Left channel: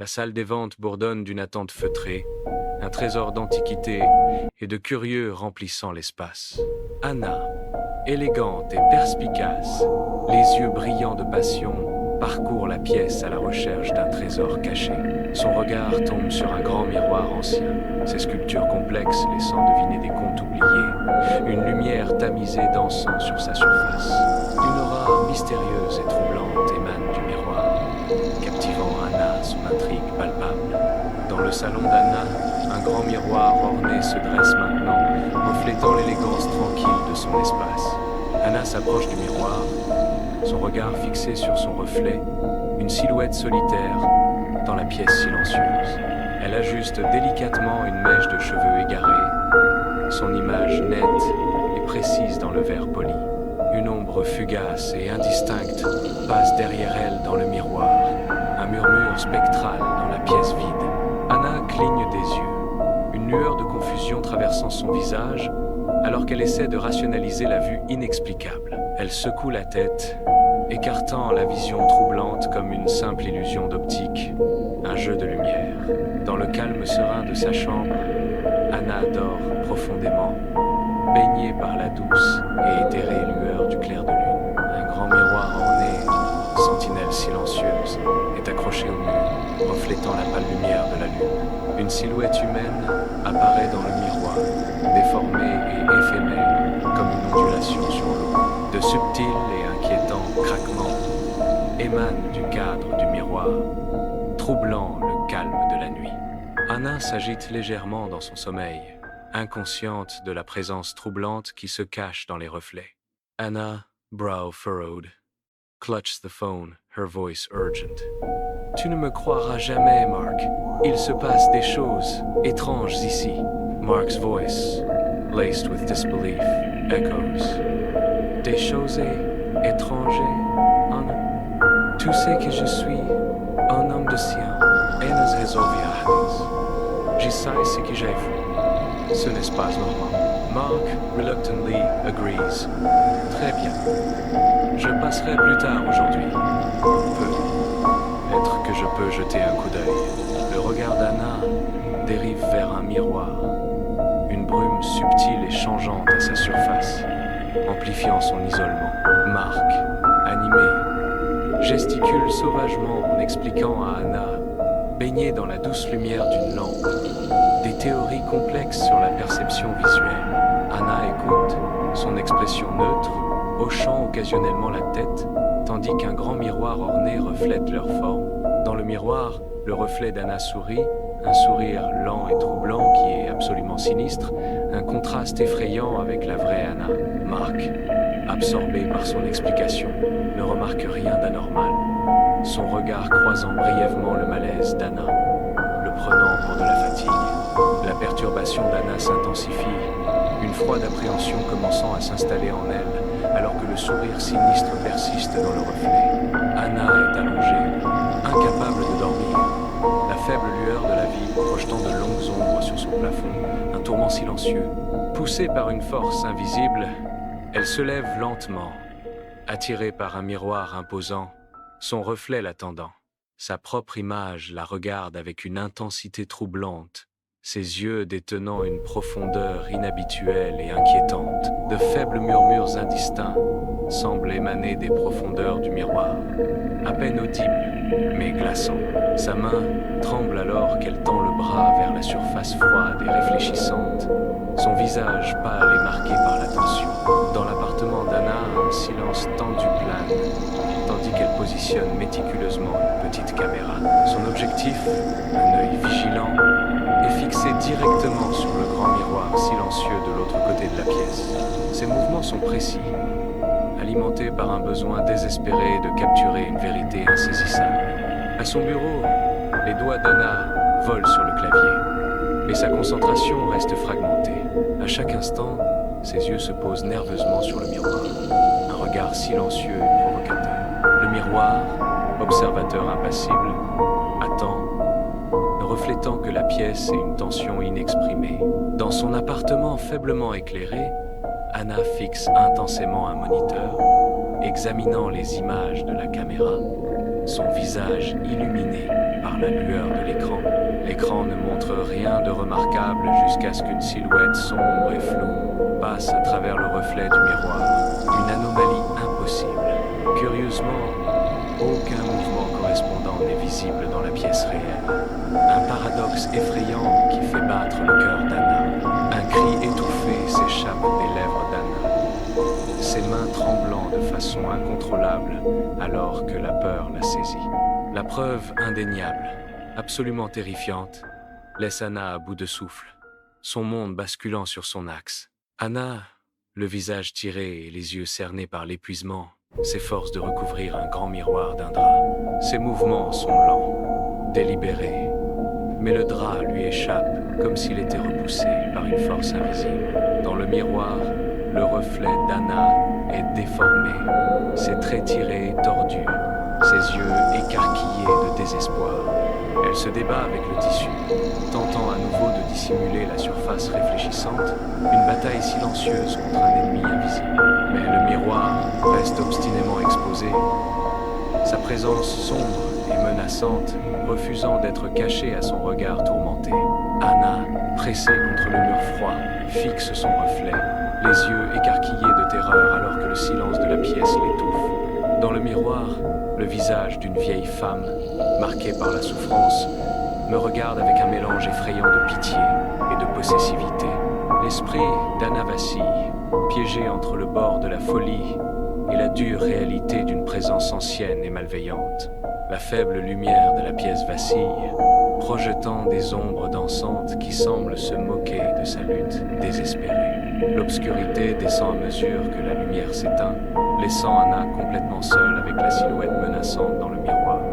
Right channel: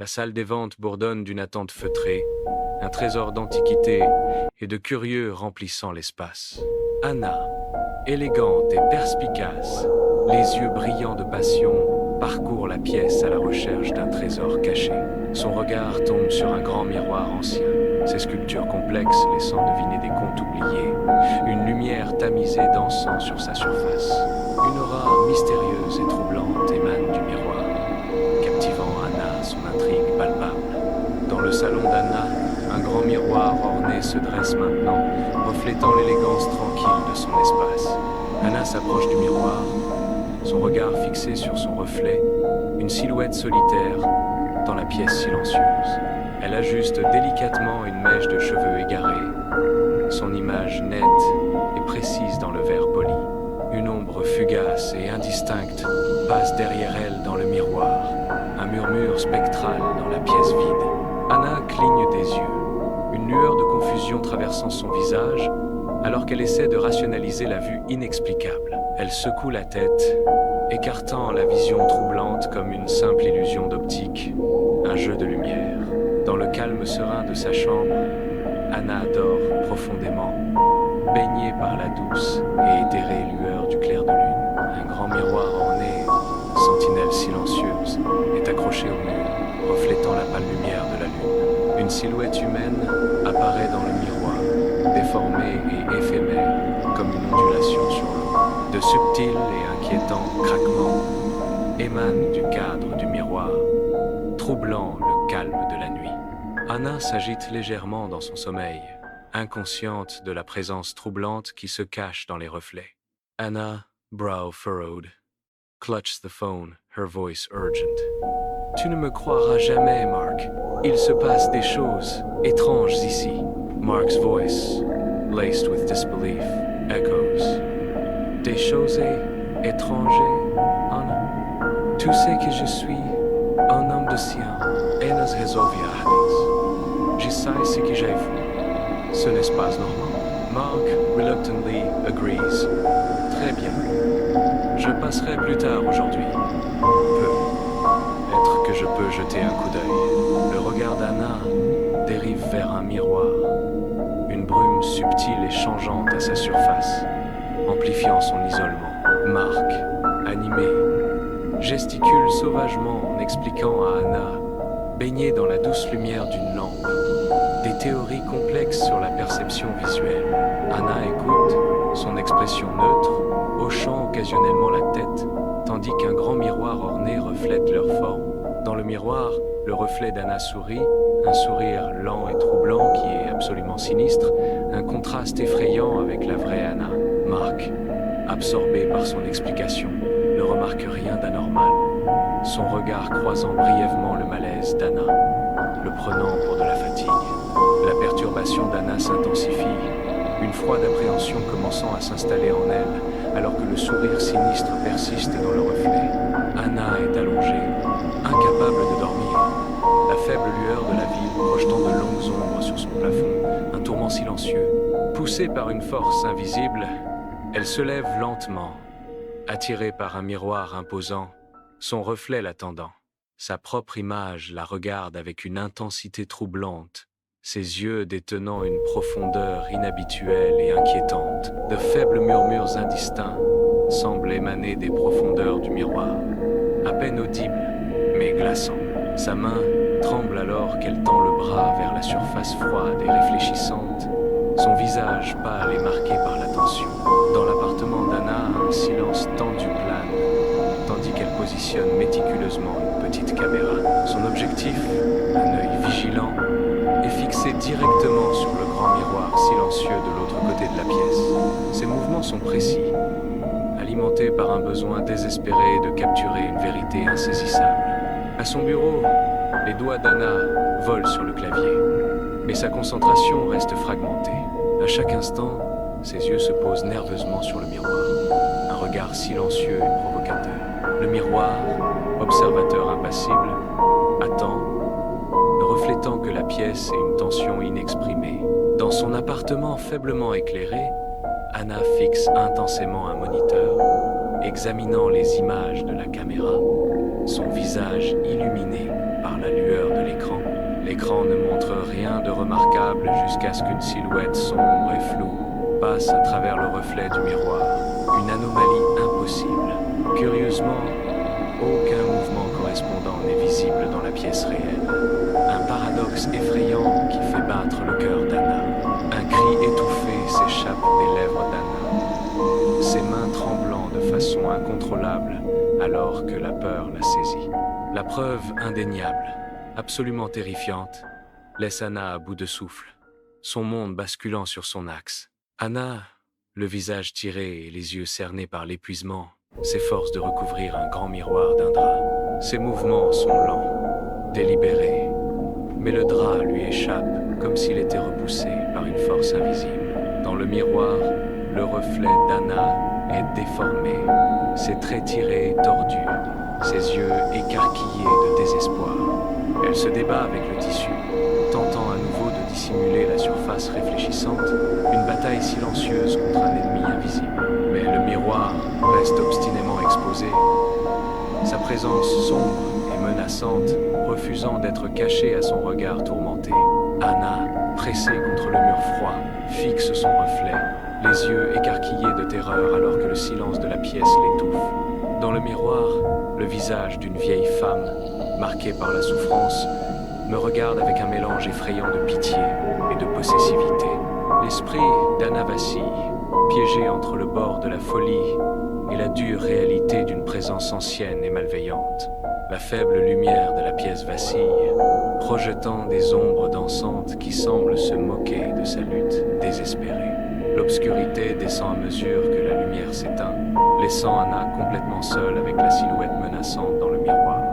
La salle des ventes bourdonne d'une attente feutrée, un trésor d'antiquités et de curieux remplissant l'espace. Anna, élégante et perspicace, les yeux brillants de passion, parcourt la pièce à la recherche d'un trésor caché. Son regard tombe sur un grand miroir ancien, ses sculptures complexes laissant deviner des contes oubliés, une lumière tamisée dansant sur sa surface. Une aura mystérieuse et troublante émane du miroir, captivant Anna, son intrigue palpable. Dans le salon d'Anna, un grand miroir orné se dresse maintenant, reflétant l'élégance tranquille de son espace. Anna s'approche du miroir, son regard fixé sur son reflet, une silhouette solitaire dans la pièce silencieuse. Elle ajuste délicatement une mèche de cheveux égarés, son image nette et précise dans le verre poli. Une ombre fugace et indistincte passe derrière elle dans le miroir, un murmure spectral dans la pièce vide. Anna cligne des yeux, une lueur de confusion traversant son visage, alors qu'elle essaie de rationaliser la vue inexplicable. Elle secoue la tête, écartant la vision troublante comme une simple illusion d'optique, un jeu de lumière. Dans le calme serein de sa chambre, Anna dort profondément, baignée par la douce et éthérée lueur du clair de lune. Un grand miroir orné, sentinelle silencieuse, est accroché au mur, reflétant la pâle lumière de la lune. Une silhouette humaine apparaît dans le miroir, déformée et éphémère, comme une ondulation sur l'eau. De subtils et inquiétants craquements émanent du cadre du miroir, troublant le calme de la nuit. Anna s'agite légèrement dans son sommeil, inconsciente de la présence troublante qui se cache dans les reflets. Anna, brow furrowed, clutches the phone, her voice urgent. « Tu ne me croiras jamais, Mark. Il se passe des choses étranges ici. » Mark's voice, laced with disbelief, echoes. « Des choses étranges, Anna? Tu sais que je suis un homme de science. Enas resolviardes. Je sais ce que j'ai vu. Ce n'est pas normal. » Mark reluctantly agrees. « Très bien. Je passerai plus tard aujourd'hui. Peut-être que je peux jeter un coup d'œil. » Le regard d'Anna dérive vers un miroir, une brume subtile et changeante à sa surface, amplifiant son isolement. Mark, animé, gesticule sauvagement en expliquant à Anna, baignée dans la douce lumière d'une lampe, des théories complexes sur la perception visuelle. Anna écoute, son expression neutre, hochant occasionnellement la tête, tandis qu'un grand miroir orné reflète leur forme. Dans le miroir, le reflet d'Anna sourit, un sourire lent et troublant qui est absolument sinistre, un contraste effrayant avec la vraie Anna. Mark, absorbé par son explication, ne remarque rien d'anormal, son regard croisant brièvement le malaise d'Anna, le prenant pour de la fatigue. La perturbation d'Anna s'intensifie, une froide appréhension commençant à s'installer en elle, alors que le sourire sinistre persiste dans le reflet. Anna est allongée, incapable de dormir, la faible lueur de la ville projetant de longues ombres sur son plafond, un tourment silencieux. Poussée par une force invisible, elle se lève lentement, attirée par un miroir imposant, son reflet l'attendant. Sa propre image la regarde avec une intensité troublante, ses yeux détenant une profondeur inhabituelle et inquiétante. De faibles murmures indistincts semblent émaner des profondeurs du miroir, à peine audibles, mais glaçants. Sa main tremble alors qu'elle tend le bras vers la surface froide et réfléchissante, son visage pâle et marqué par la tension. Dans l'appartement d'Anna, un silence tendu plane, tandis qu'elle positionne méticuleusement une petite caméra. Son objectif, un œil vigilant, est fixé directement sur le grand miroir silencieux de l'autre côté de la pièce. Ses mouvements sont précis, alimentés par un besoin désespéré de capturer une vérité insaisissable. À son bureau, les doigts d'Anna volent sur le clavier, mais sa concentration reste fragmentée. À chaque instant, ses yeux se posent nerveusement sur le miroir, un regard silencieux et provocateur. Le miroir, observateur impassible, attend, ne reflétant que la pièce et une tension inexprimée. Dans son appartement faiblement éclairé, Anna fixe intensément un moniteur, examinant les images de la caméra, son visage illuminé par la lueur de l'écran. L'écran ne montre rien de remarquable jusqu'à ce qu'une silhouette sombre et floue passe à travers le reflet du miroir. Une anomalie impossible. Curieusement, aucun mouvement correspondant n'est visible dans la pièce réelle. Un paradoxe effrayant qui fait battre le cœur d'Anna. Un cri étouffé s'échappe des lèvres d'Anna, ses mains tremblant de façon incontrôlable alors que la peur la saisit. La preuve indéniable, absolument terrifiante, laisse Anna à bout de souffle, son monde basculant sur son axe. Anna, le visage tiré et les yeux cernés par l'épuisement, s'efforce de recouvrir un grand miroir d'un drap. Ses mouvements sont lents, délibérés, mais le drap lui échappe comme s'il était repoussé par une force invisible. Dans le miroir, le reflet d'Anna est déformé, ses traits tirés et tordus, ses yeux écarquillés de désespoir. Elle se débat avec le tissu, tentant à nouveau de dissimuler la surface réfléchissante, une bataille silencieuse contre un ennemi invisible. Mais le miroir reste obstinément exposé, sa présence sombre et menaçante, refusant d'être cachée à son regard tourmenté. Anna, pressée contre le mur froid, fixe son reflet, les yeux écarquillés de terreur alors que le silence de la pièce l'étouffe. Dans le miroir, le visage d'une vieille femme, marqué par la souffrance, me regarde avec un mélange effrayant de pitié et de possessivité. L'esprit d'Anna vacille, piégé entre le bord de la folie et la dure réalité d'une présence ancienne et malveillante. La faible lumière de la pièce vacille, projetant des ombres dansantes qui semblent se moquer de sa lutte désespérée. L'obscurité descend à mesure que la lumière s'éteint, laissant Anna complètement seule avec la silhouette menaçante dans le miroir.